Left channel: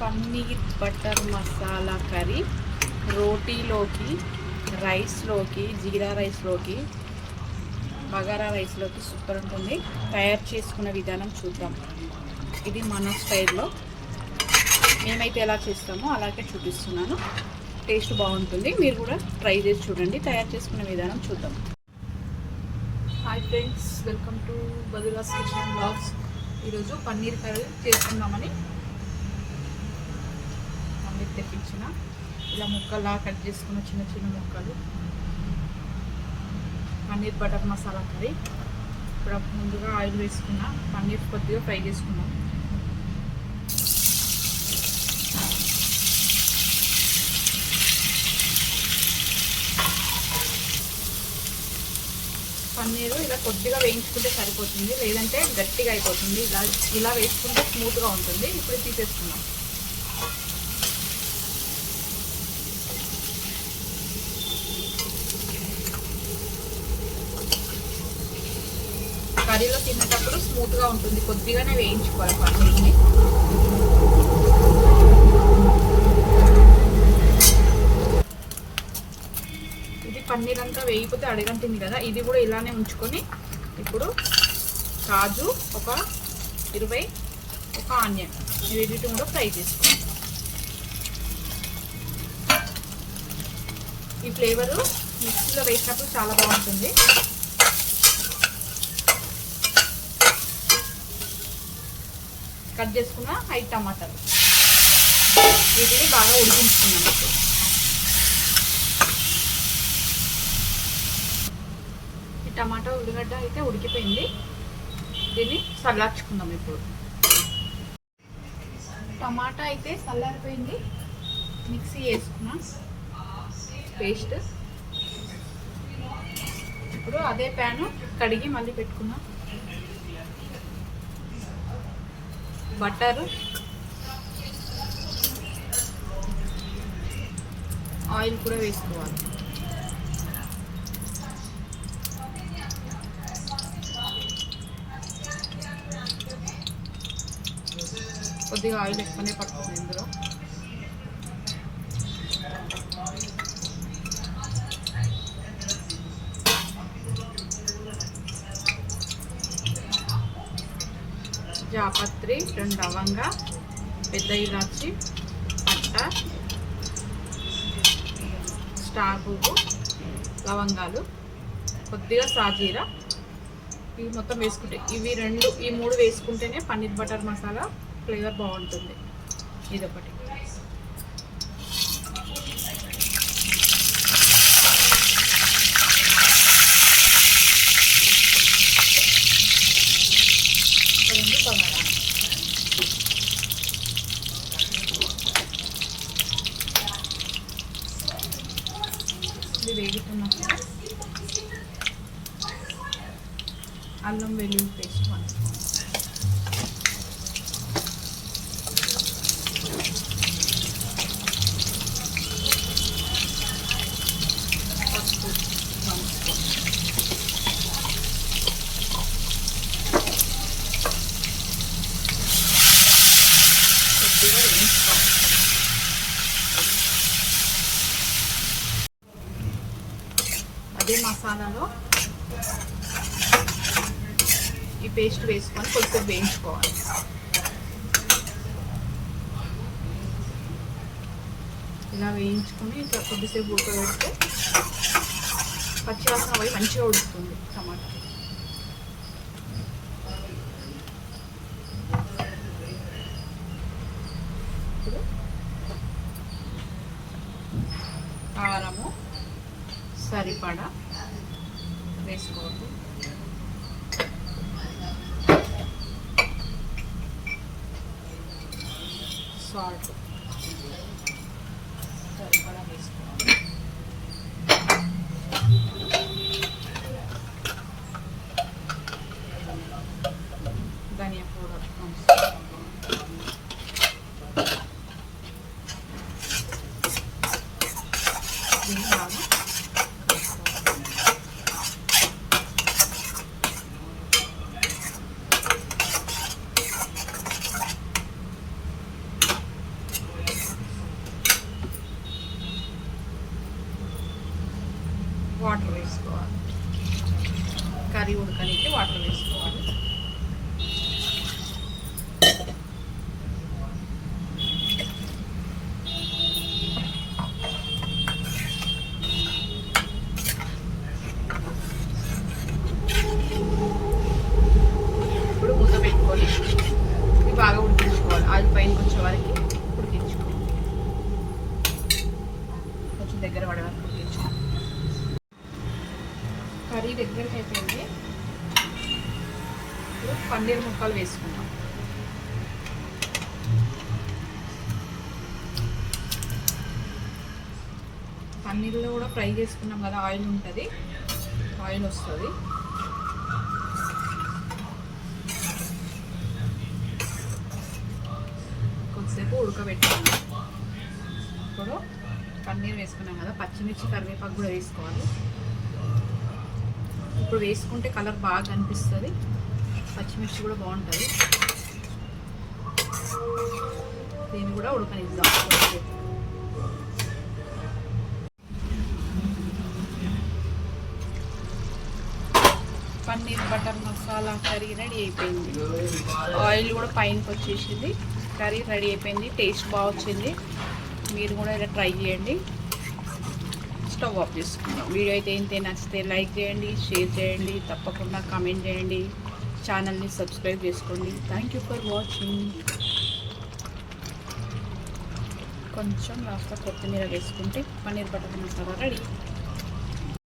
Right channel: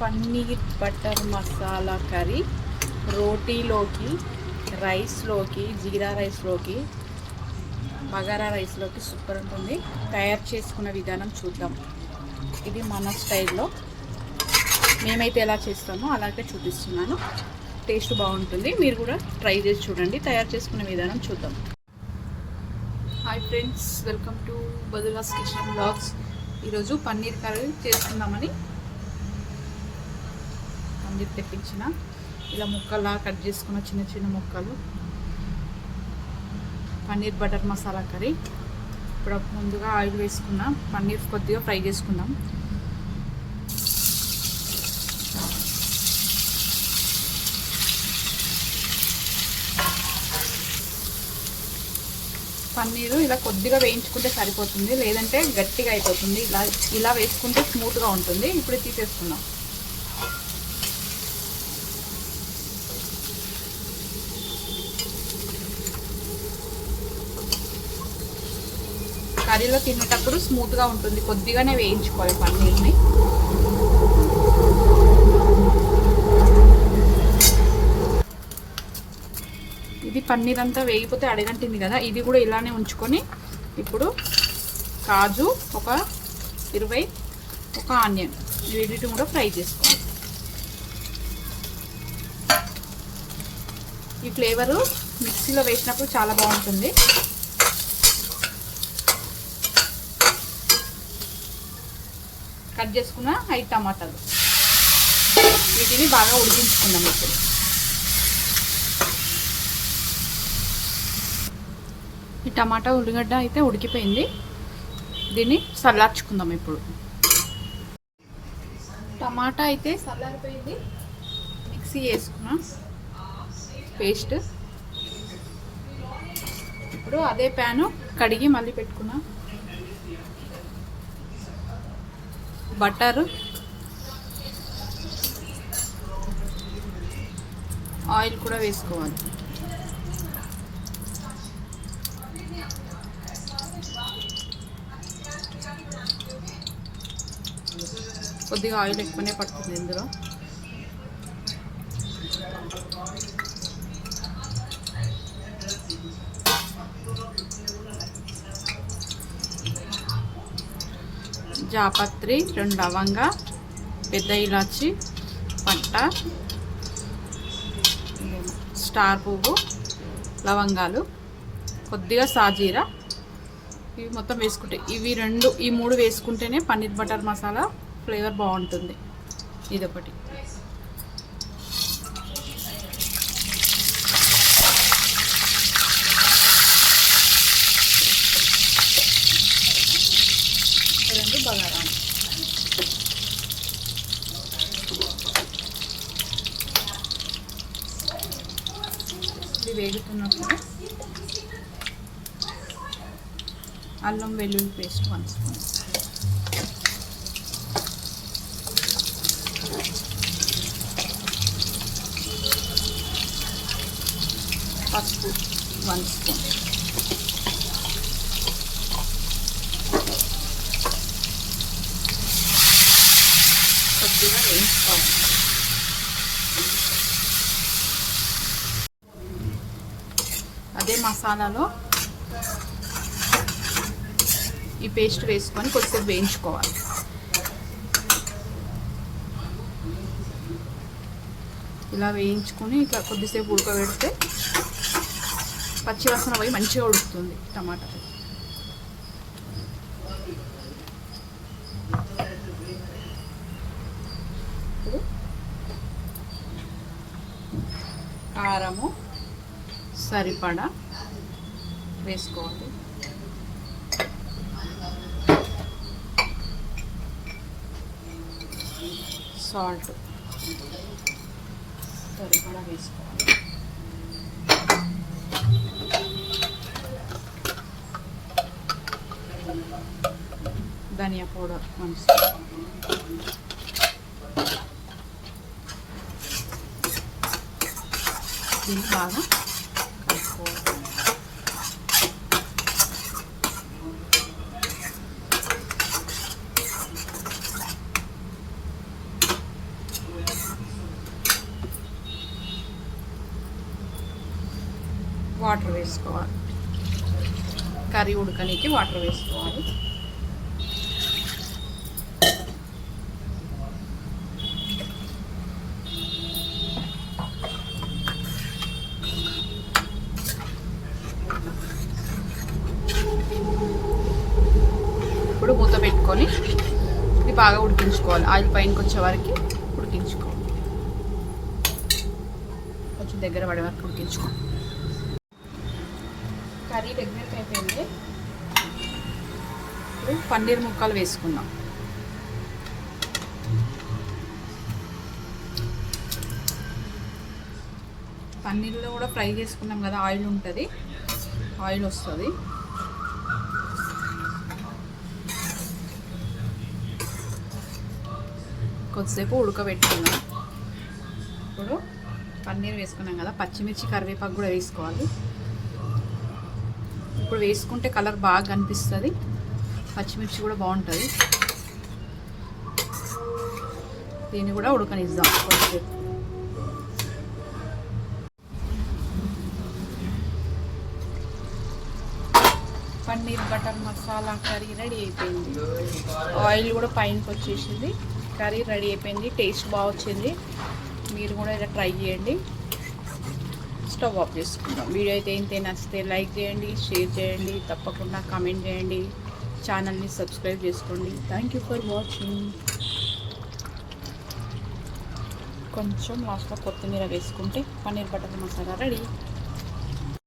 Paneer butter masala curry రోటీలోకి రైస్లోకి జీరా రైస్లోకి బగారా రైస్లోకి సూపర్ ఉంటుంది. తయారు చేసుకున్న విధానం చూద్దాం. ఇది మన స్టైల్లో. మేమైతే ఎలా చేస్తామో అలాగే చూపిస్తున్నాను. టేస్ట్ బాగుంటుంది. మీరు కూడా ట్రై చేసి చూడండి. తయారు చేసుకునే విధానం చూద్దాం. హాయ్ ఫ్రెండ్స్ వెల్కమ్ టు బదులాస్ కిచెన్ బ్లాగ్స్ ఈరోజు పన్నీర్ కర్రీ చేసుకుందామని చెప్పి తెప్పించిన. ఇలా ముక్కలా కట్ చేసుకున్న చిన్న చిన్న ముక్కలు. Paneer butter masala curry. ఇప్పుడు ముందుగా ఆయిల్ వేసుకున్నాం. పన్నీర్ కొద్దిగా ఫ్రై చేసుకుందాం. పన్నీరు ఇలా కొద్దిగా వేయించుకుంటే సరిపోతుంది. లేదంటే గట్టిగా అయిపోతుంది. ఇలా ఇలా వేసుకుంటే స్మూత్గా ఉంటుంది. ఇప్పుడు తీసేసుకున్నాం కర్రీలో తినేటప్పుడు స్మూత్గా ఉంటుంది. కొద్దిగానే వేయించుకోవాలి పన్నీర్ని. ఇది పన్నీర్ అంతా వేగిపోతే అడగంటింది కదా. ఇది కూడా ఇలానే ఉంచుకొని ఇప్పుడు కాజు ఒక ఇరవై ఒక ఆనియన్. వీటిని కూడా ఫ్రై చేసుకోండి ఈ ఫ్లేవరు మిక్సీలో వేసినప్పుడు చాలా బాగుంటుంది. కట్ చేసుకున్న ఐదు టమాటాలు. వీటిని బాగా ఉడికించుకున్నాం ఇప్పుడు. ఈ టమాటా ఉల్లిగడ్డ అయితే ఉడికిపోయింది. దీన్ని చల్లార్చుకుందాం ఇప్పుడు. టమాటా అయితే చల్లారిపోయింది మిక్సీ వేసుకున్నాం పేస్ట్. ఇప్పుడు అదే ప్యాను కడిగి మళ్ళీ పెట్టుకున్నాం బటర్ ఆయిల్ కూడా వేసుకోవాలి. కొద్దిగా ఆయిల్ ఎక్కువనే పడుతుంది ఇందులో. జాపత్రి రెండు లవంగా పెద్ద ఇలాచి పట్ట స్టార్ పువ్వు లవంగాలు కొద్దిగా సాజీరా. ఇవి మొత్తం వేసుకుంటే ఇవి రెండు ఈ మూడు వేసుకుంటేనే పన్నీర్ బటర్ మసాలా ఫ్లేవర్ బాగుంటుంది. ఇదొకటి. రెండు ఇది వేగుతున్నప్పుడు అల్లం వెల్లుల్లి పేస్ట్ పంచుకోండి పసుపు వన్ స్పూన్ కొద్దిగా వేయించుకోవాలి అదే మసాలాలో ఈ పేస్ట్ వేసుకొని కొద్దిసేపు వేయించుకోవాలి. ఇలా వేయించుకొని ఇట్లా కొద్దిసేపు ఉడకబెడితే పచ్చివాసన పోయి మంచిగా ఉడుకుతుంది టమాటా కారము సరిపడా వేసుకోవాలి. సాల్ట్ సరిపడా వేసుకోవాలి. ధనియా పౌడర్ మంచిగా వాటర్ వేసుకోవాలి. కర్రీ ఉడకనీకి వాటర్ వేసుకోవాలి. మూత ఇది బాగా ఉడికించుకోవాలి. ఆయిల్ పైనకి వచ్చే వరకు ఉడికించుకోవాలి. కొంచెం దగ్గర పడే వరకు ఉడికించుకోవాలి. కర్రీ దగ్గరికి అయిపోయింది. పన్నీర్ ముక్కలు వేసుకుందాం. పన్నీర్లో కూడా ఫ్రై చేసుకున్నాం కదా ఆయిల్ ఉంటుంది. ఆయిల్ వస్తుంది. కొద్దిసేపు ఉడకబెట్టుకున్నాం. ఇప్పుడు పన్నీర్ వేసుకున్నాం కదా పచ్చిమిర్చి కరివేపాకు కూడా వేసుకోవాలి. ఇప్పుడు వేసుకుంటే కలర్ బాగా కనిపిస్తుంది. పచ్చిమిర్చి కూడా బాగుంటుంది. దీన్ని కూడా ఉడకనిద్దాం కొద్దిసేపు. Paneer butter masala curry ready అయిపోయింది. ఆయిల్ కూడా పైనకి వచ్చేసింది. కర్రీ రెడీ అయిపోయింది. టేస్ట్ బాగా వచ్చింది. మీరు కూడా ఇలా ట్రై చేయండి. స్టవ్ ఆఫ్ చేసుకుందాం. వీడియో అయితే ఏంటి నచ్చితే లైక్ చేయండి షేర్ చేయండి తప్పకుండా కామెంట్ చేయండి. ఛానల్ని సబ్స్క్రైబ్ చేసుకోండి. థ్యాంక్ యూ ఫర్ వాచింగ్ కొంచెం లాస్ట్లో కొత్తిమీర వేసుకుంటే పన్నీర్ బటర్ మసాలా రెడీ.